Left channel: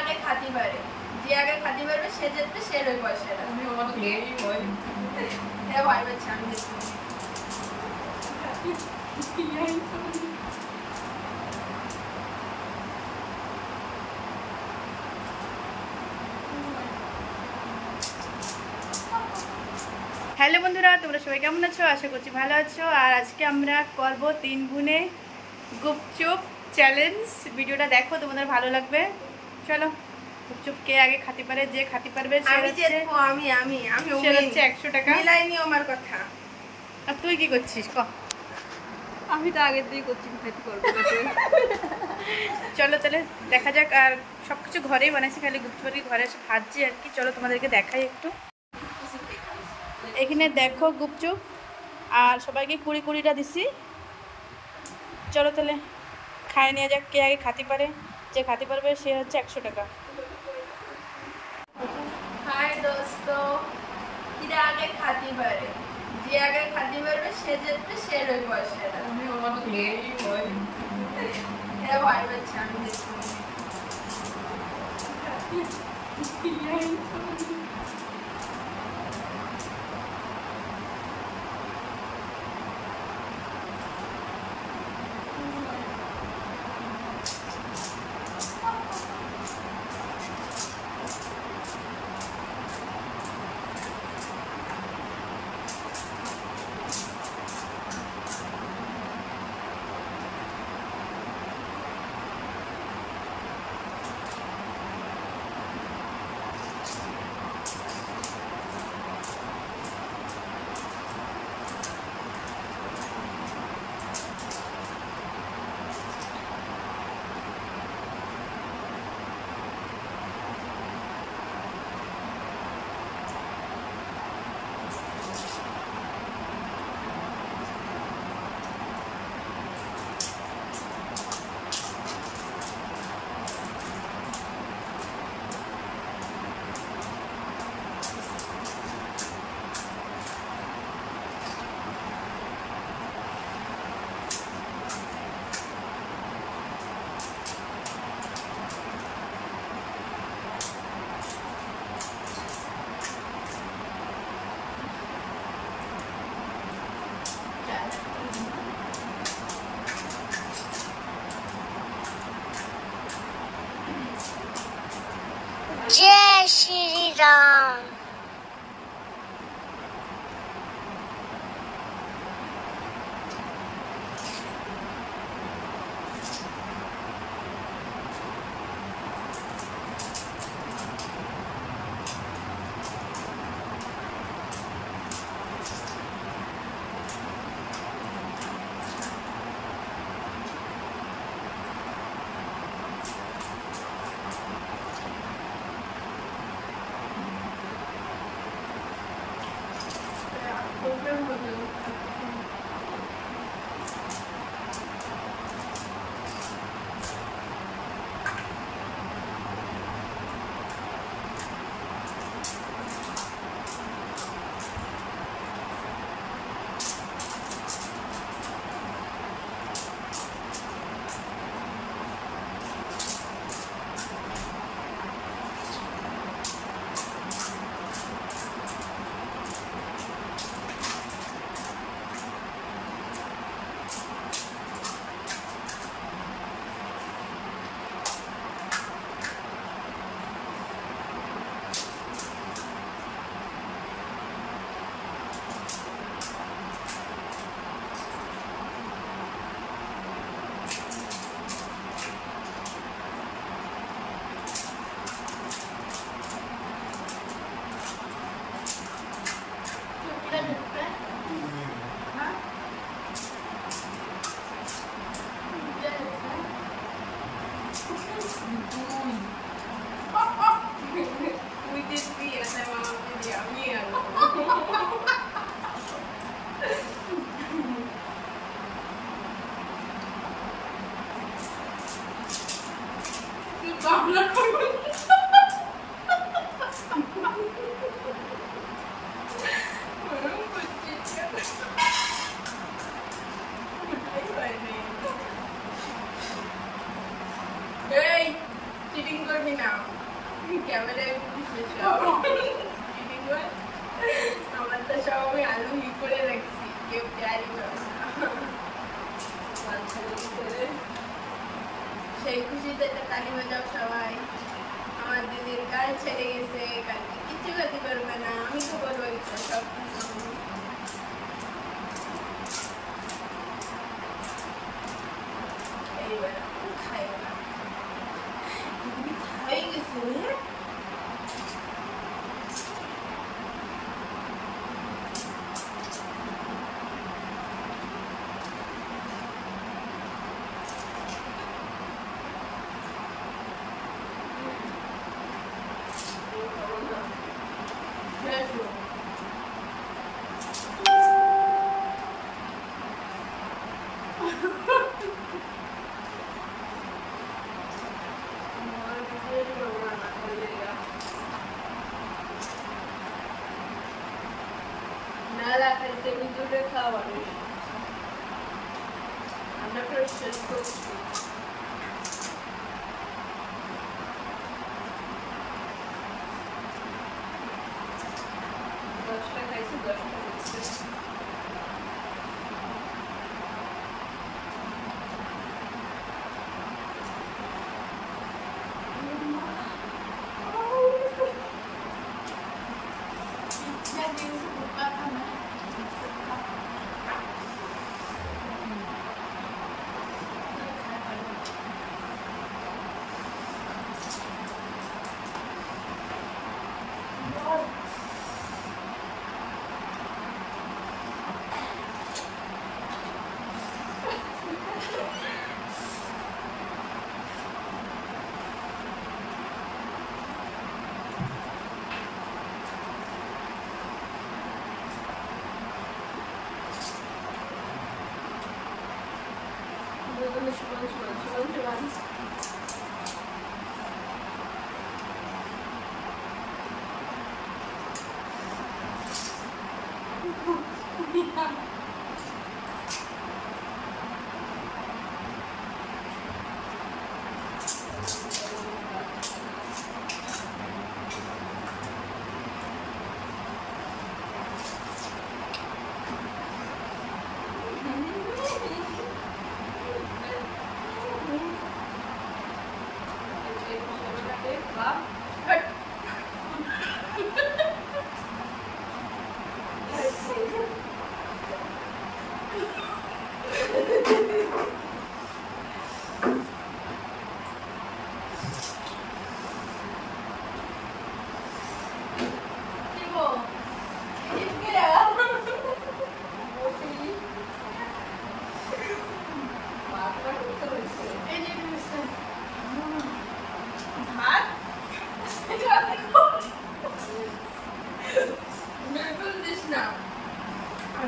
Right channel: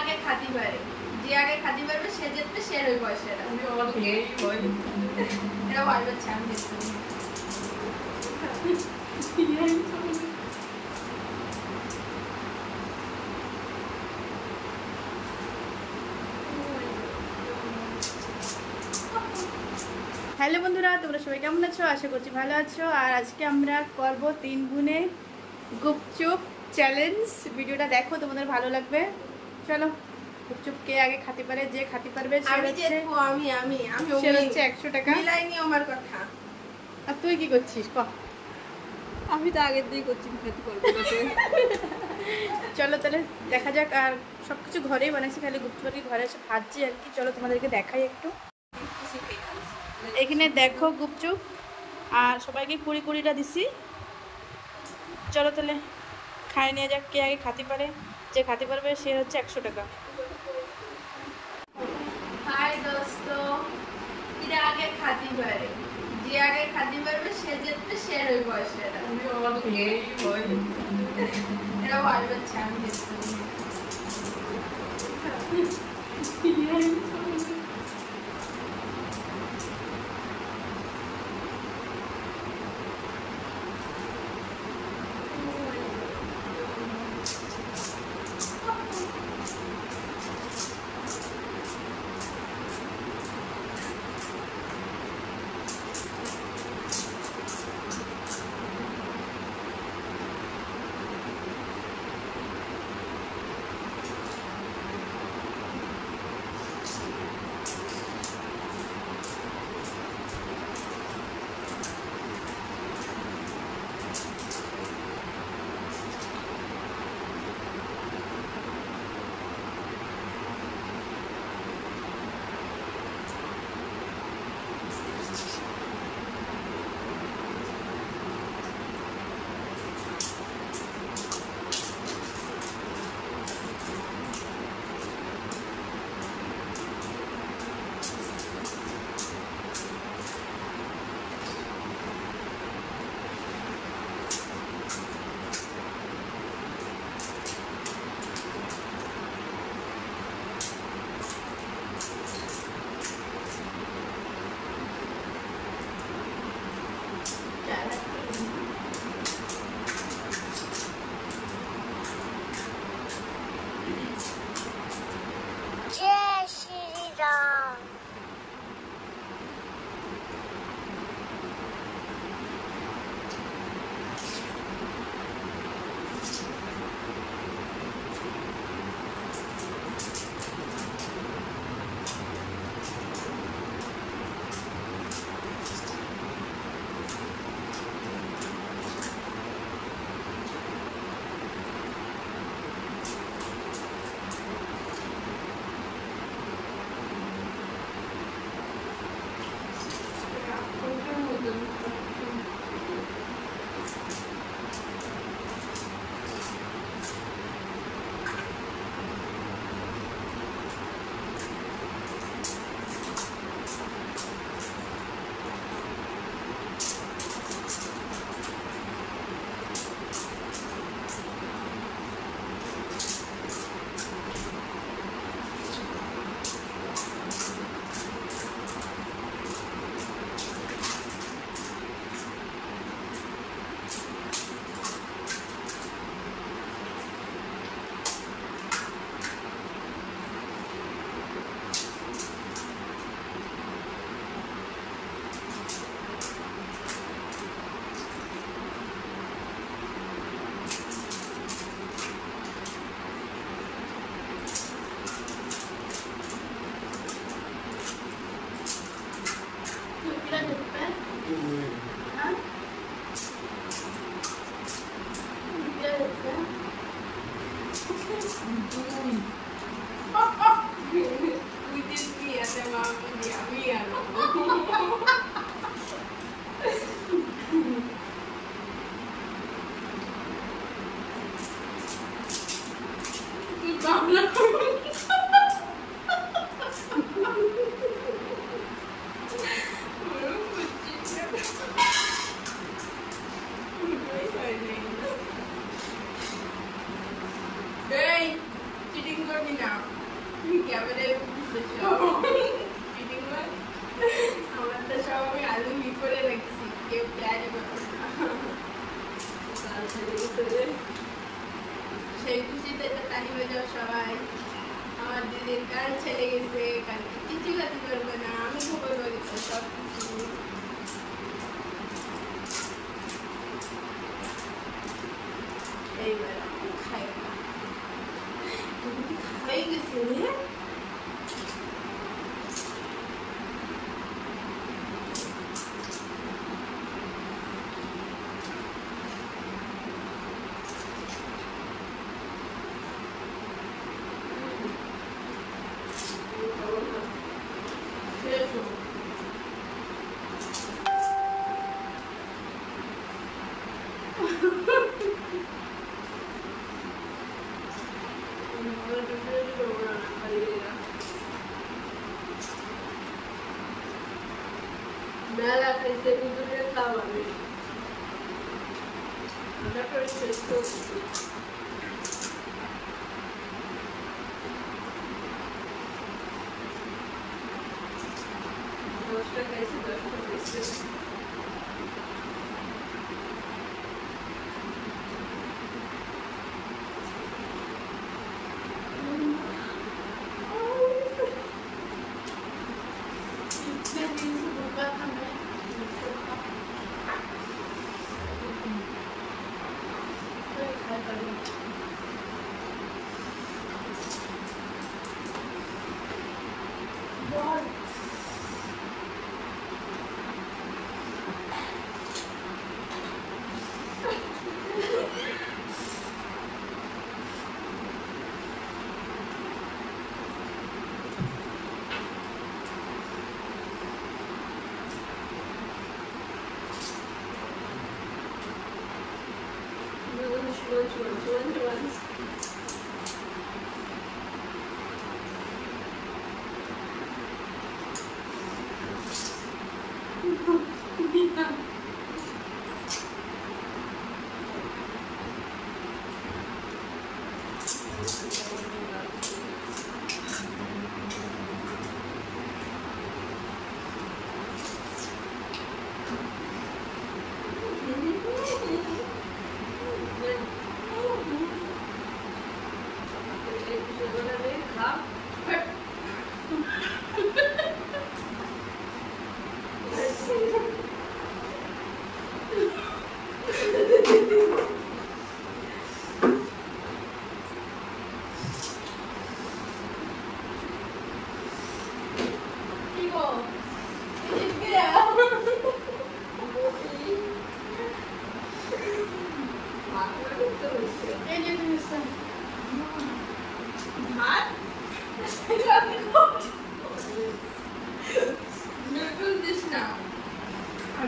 আগে খাতি পারে, যে আগে খাতি পারবে সে জিতবে, সে রই বসে। এরা ভয় পাচ্ছে আমি দেখছি। হ্যালো বন্ধুরা, তোমরা সবাই কেমন আছো? আশা করছি ভালো আছো। আর আজকে আমরা করব 3 গুণে গুপচুপ চ্যালেঞ্জ। ভিডিওটা দেখো, তোমাদের ভালো লাগবে। চলো, গুপচুপ কে আগে খাতে পারে, যে খাতে পারবে সে হচ্ছে 100 টাকা। মিলাইনি আমার কথা। আর তুই কি করছিস? ক। আমি তো আগের দিকে করছি, খেতে পারবো না। চলো তাহলে দেখা যাক। আর সবকিছু ঘরেই বানাইছি, খালি গুপচুপি ঘরে এসে ভাজছি আর কি। চলো তোমাদেরকে দেখাই একটু। এখানে দেখো গুপচুপ, আর সবাইকে 20-20টা দিছি। চলো তাহলে খাই নিয়ে যাক, কে আগে খাতে পারে, যে খাতে পারবে সে হচ্ছে 100 টাকা। হাই দোস্ত, এরা আগে খাতে পারে, যে আগে খাতে পারবে সে জিতবে, সে রই বসে। এরা ভয় পাচ্ছে আমি দেখছি। जय श्री राम। চিটিং করবি না ক্যামেরায় আমার তো সব আমি আলু ই করে রাখছি কেউ ক্যারি সেই খুশিতে একটা তালি বাজাও সবাই আমার দিদির গান ছেড়ে গেছে কালকে কিছু করতে পারবে না আমি তো বলবো সব এইবার খাই না খাই গেছে Nada, este video de acaba. Anda por esto.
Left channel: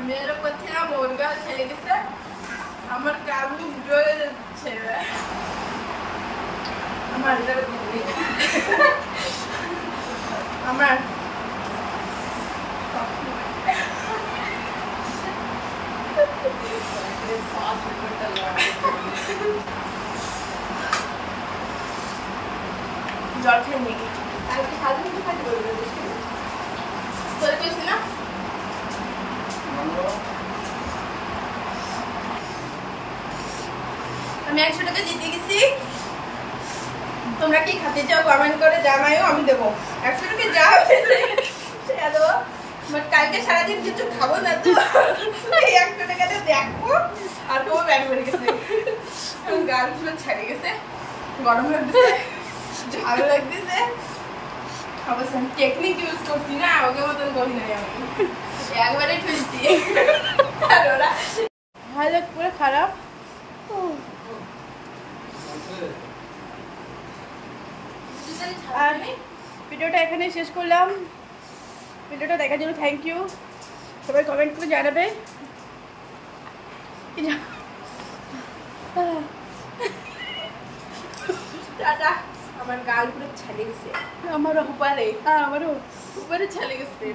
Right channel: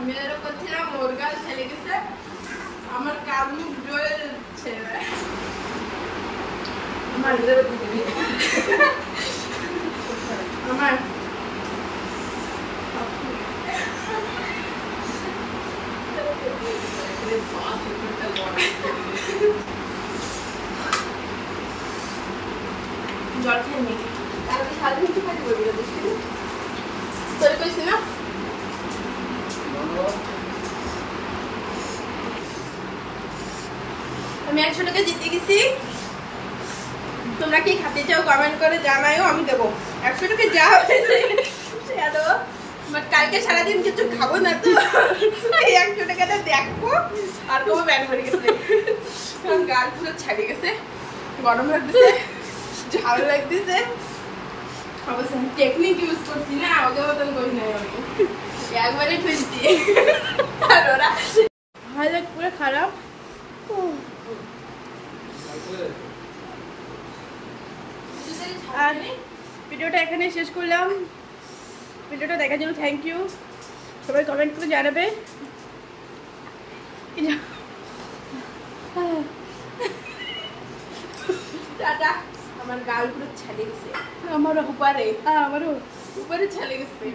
মেয়েরও করছিলাম ওর গাল ছেলে গেছে আমার কাবু জোরে ছেড়ে আমার আমার জল খেয়ে নিই কালকে সারাদিন কি কাজ করবি তোর কইছি না আমি 100 টাকা জিতে গেছি তোমরা কি খেতে চাও কমেন্ট করে জানাইও আমি দেবো 100 টাকা যা হয়েছে সেটা দেবো বাট কালকে সারাদিন কিছু খাবো না তো 100 টাকাটা দেখবো আর কোনো ব্যান বেড়ে গেছে গাল পুরো ছাড়িয়ে গেছে গরম লাগতেছে ঝাল লাগতেছে অবশ্য টেকনিক ইউজ করছি না ওকে মতন করি নাই আমি একবারে ঠুলছি আর ওরা হালত পুরো খারাপ আর ভিডিওটা এখানে শেষ করলাম ভিডিওটা দেখার জন্য থ্যাংক ইউ সবাই কমেন্ট করে জানাবে টাটা আমার গাল পুরো ছাড়ে গেছে আমারও উপরে ছেলে গেছে